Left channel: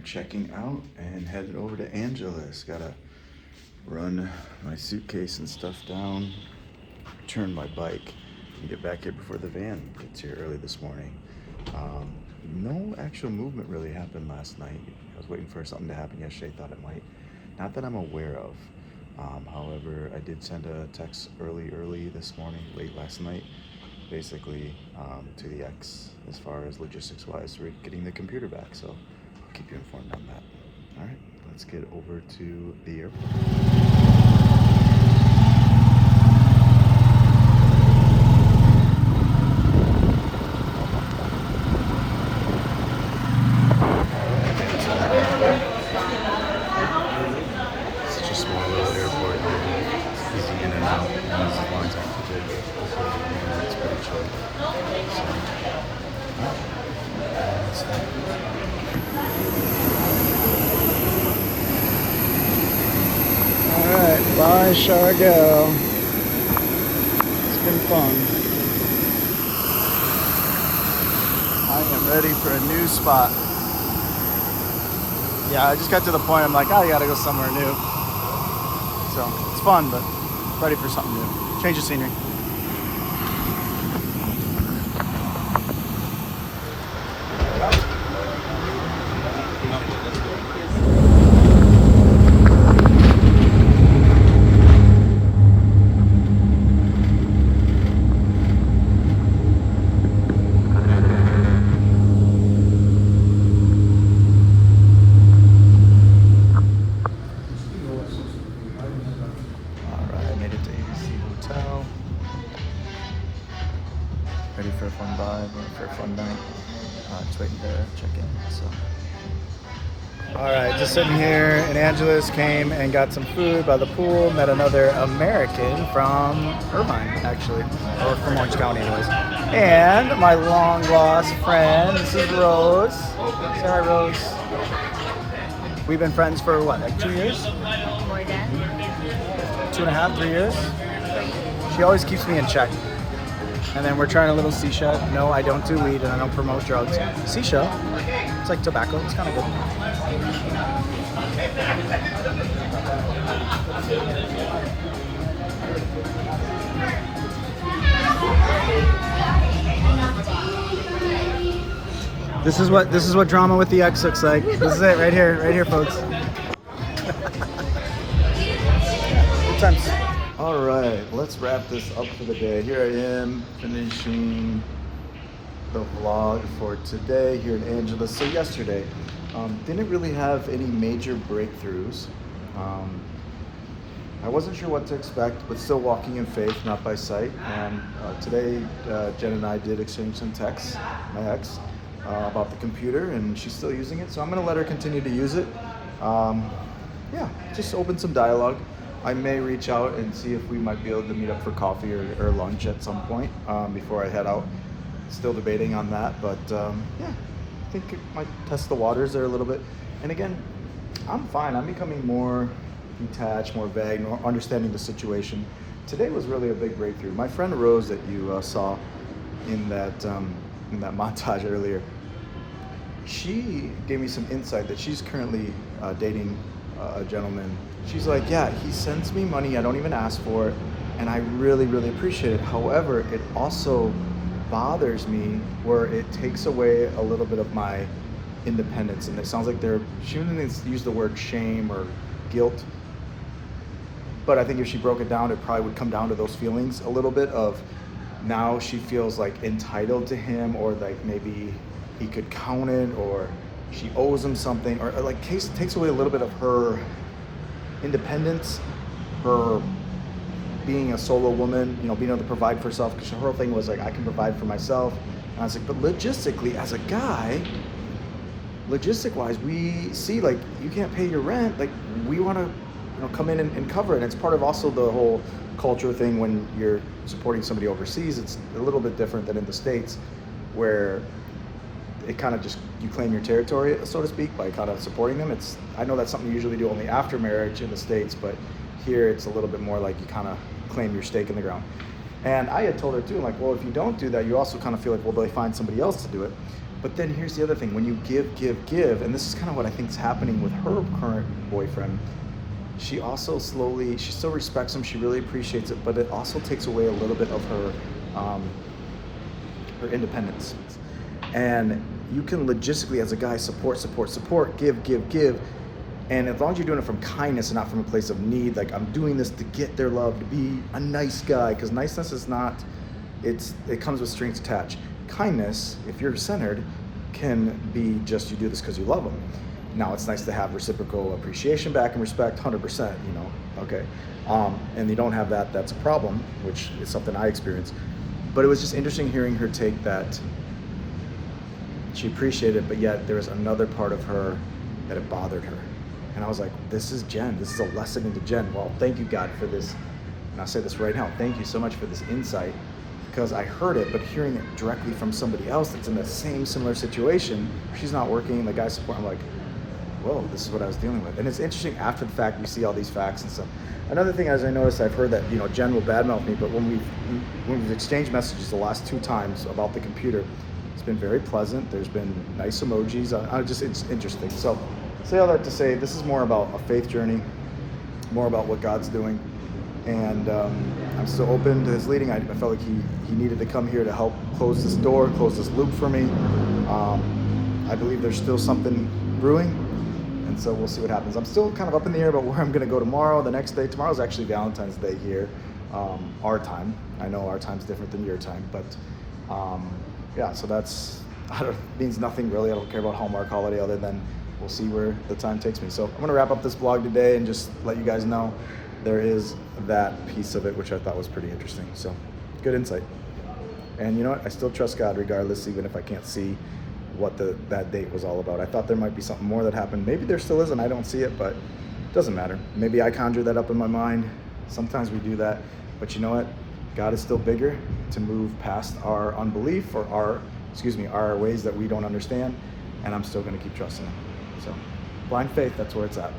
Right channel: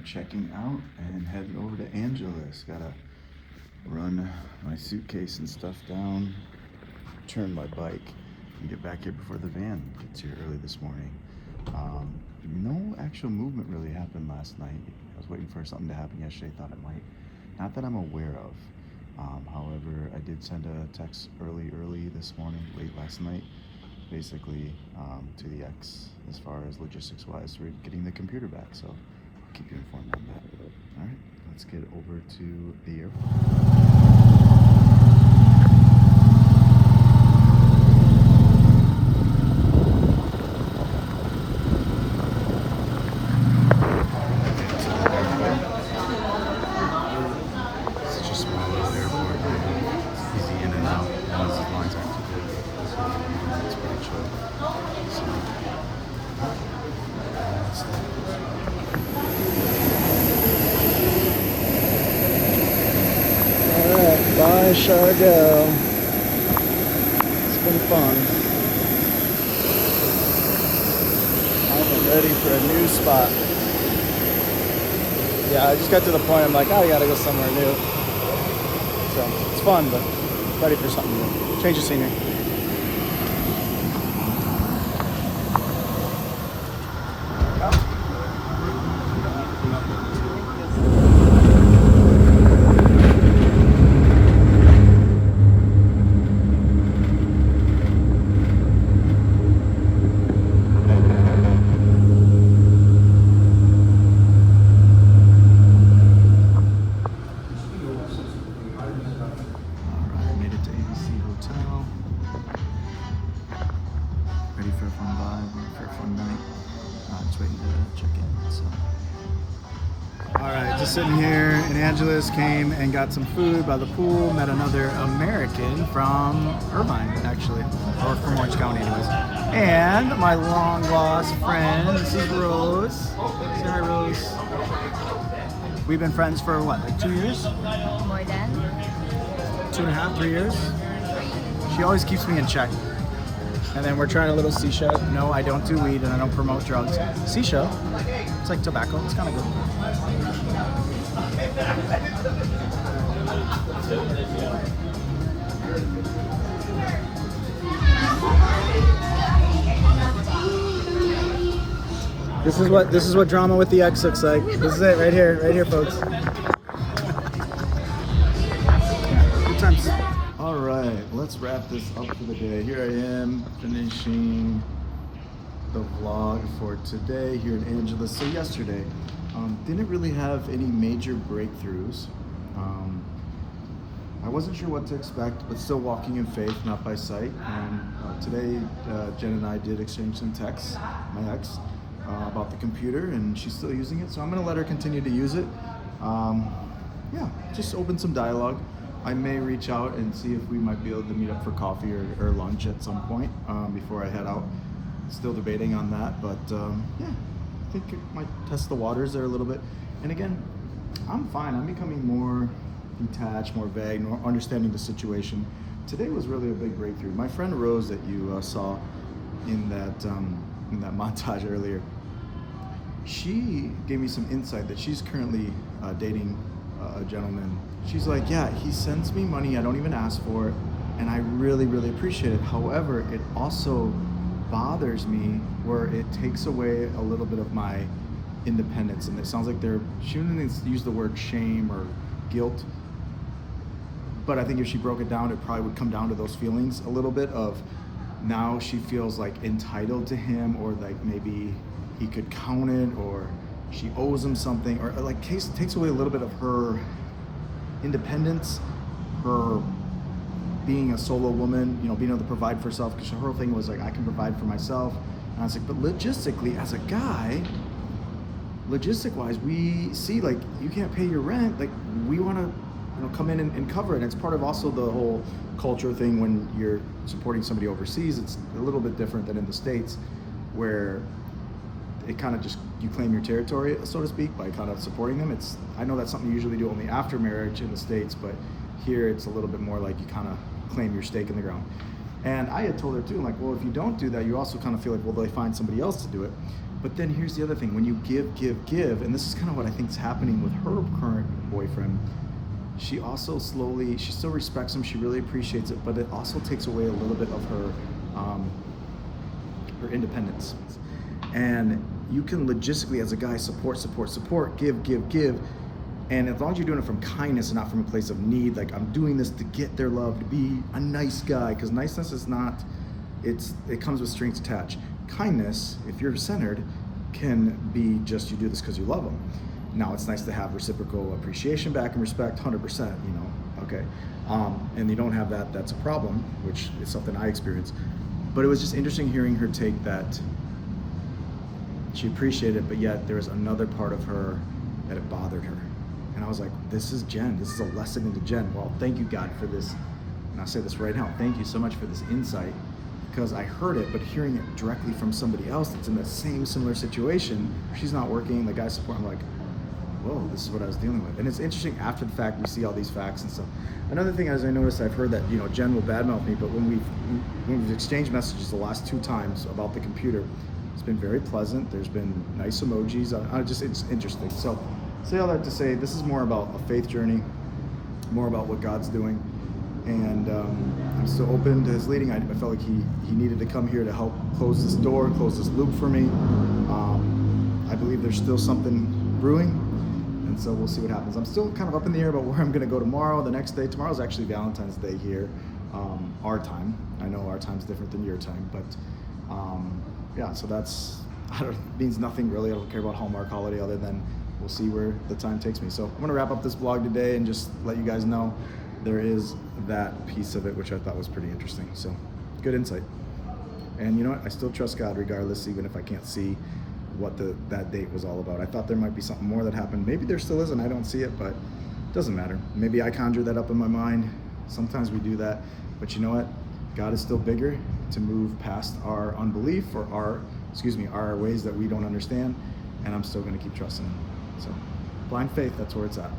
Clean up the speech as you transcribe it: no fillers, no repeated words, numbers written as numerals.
are checking out and headed over to Angela's. Gotta run my suitcase and stuff down, turn my bike, and get back here before the van gets here early this morning. No actual movement really happened last night. I was waiting for something to happen yesterday, thought it might. Not that I'm aware of. However, I did send a text early this morning, late last night, basically to the ex as far as logistics wise for getting the computer back. So I'll keep you informed on that. All right, let's get over to the airport. Such a small little airport here. Easy in and out. As long as it's big, it's pretty chill. Alright, bye Siargao. It's been fun. I am ready for a new spot. Yeah, I just got to the point I'm like, oh, I gotta go somewhere new. So it's fun, but ready for something new. Change of scenery. Ready for a fun vibe or for a fun night. Just waiting to check in. So. All right, just sitting here in Angela's, came and got some food by the pool, met another American from Irvine, actually, or from Orange County anyways. And my long lost friend, this is Rose. Say hi, Rose. We've been friends for what, like 2 years? More than 2.5, 3 years? She always keeps me in check. And then we're trying a little shisha. No, I don't do weed and I don't promote drugs. Shisha, it's like tobacco, it's kind of good. This is what drama with the ex looks like. This is it right here, folks. Good times. All right, let's wrap this up for the day. Here I am finishing the vlog for today here in Angela's. So yesterday, didn't really have any major breakthroughs. I wasn't sure what to expect, but still walking in faith, not by sight. And today, Jen and I did exchange some texts, my ex, about the computer, and she's still using it. So I'm gonna let her continue to use it. Yeah, just open some dialogue. I may reach out and see if we might be able to meet up for coffee or lunch at some point before I head out. Still debating on that, but yeah, I think it might test the waters there a little bit. And again, I'm fine. I'm becoming more detached, more vague, more understanding the situation. Today was really a big breakthrough. My friend Rose that you saw in that montage earlier, she gave me some insight that she's currently dating a gentleman. She's like, yeah, he sends me money, I don't even ask for it, and I really, really appreciate it. However, it also bothers me where it takes away a little bit of my independence. And it sounds like she didn't use the word shame or guilt, but I think if she broke it down, it probably would come down to those feelings a little bit of now she feels like entitled to him, or like maybe he could count it, or she owes him something, or like takes away a little bit of her independence, her being a solo woman, you know, being able to provide for herself, because her whole thing was like, I can provide for myself. And I was like, but logistically, as a guy, logistic wise, we see like you can't pay your rent, like we want to, you know, come in and cover it. And it's part of also the whole culture thing when you're supporting somebody overseas. It's a little bit different than in the States, where it kind of just, you claim your territory, so to speak, by kind of supporting them. I know that's something you usually do only after marriage in the States, but here it's a little bit more like you kind of claim your stake in the ground. And I had told her too, like, well, if you don't do that, you also kind of feel like, well, do they find somebody else to do it? But then here's the other thing: when you give, and this is kind of what I think is happening with her current boyfriend. She also she still respects him. She really appreciates it, but it also takes away a little bit of her independence. And you can logistically, as a guy, support, give. And as long as you're doing it from kindness and not from a place of need, like I'm doing this to get their love, to be a nice guy, because niceness is not, it comes with strings attached. Kindness, if you're centered, can be just you do this because you love them. Now it's nice to have reciprocal appreciation back and respect, 100%, okay. And you don't have that, that's a problem, which is something I experienced. But it was just interesting hearing her take that she appreciated it, but yet there was another part of her that it bothered her. And I was like, this is Jen. This is a lesson into Jen. Well, thank you, God, for this. And I'll say this right now. Thank you so much for this insight, because I heard it, but hearing it directly from somebody else that's in the same similar situation, she's not working, the guy's supporting, I'm like, whoa, this is what I was dealing with. And it's interesting after the fact, we see all these facts and stuff. Another thing, as I noticed, I've heard that, Jen will badmouth me, but when we've exchanged messages the last 2 times about the computer, it's been very pleasant. There's been nice emojis. It's interesting. So say all that to say, this is more about a faith journey, more about what God's doing. And I'm still open to his leading. I felt like he needed to come here to help close this door, close this loop for me. I believe there's still something brewing, and so we'll see what happens. I'm still kind of up in the air about where I'm going to go tomorrow, the next day. Tomorrow's actually Valentine's Day here, our time. I know our time's different than your time, but yeah, so that's, means nothing really. I don't care about Hallmark holiday other than we'll see where the time takes me. So I'm going to wrap up this vlog today and just let you guys know there is that piece of it, which I thought was pretty interesting. So good insight. And you know what? I still trust God regardless, even if I can't see what that date was all about. I thought there might be something more that happened. Maybe there still is and I don't see it, but it doesn't matter. Maybe I conjured that up in my mind. Sometimes we do that. But you know what? God is still bigger to move past our unbelief or our ways that we don't understand. And I'm still going to keep trusting him. So blind faith, that's where it's at.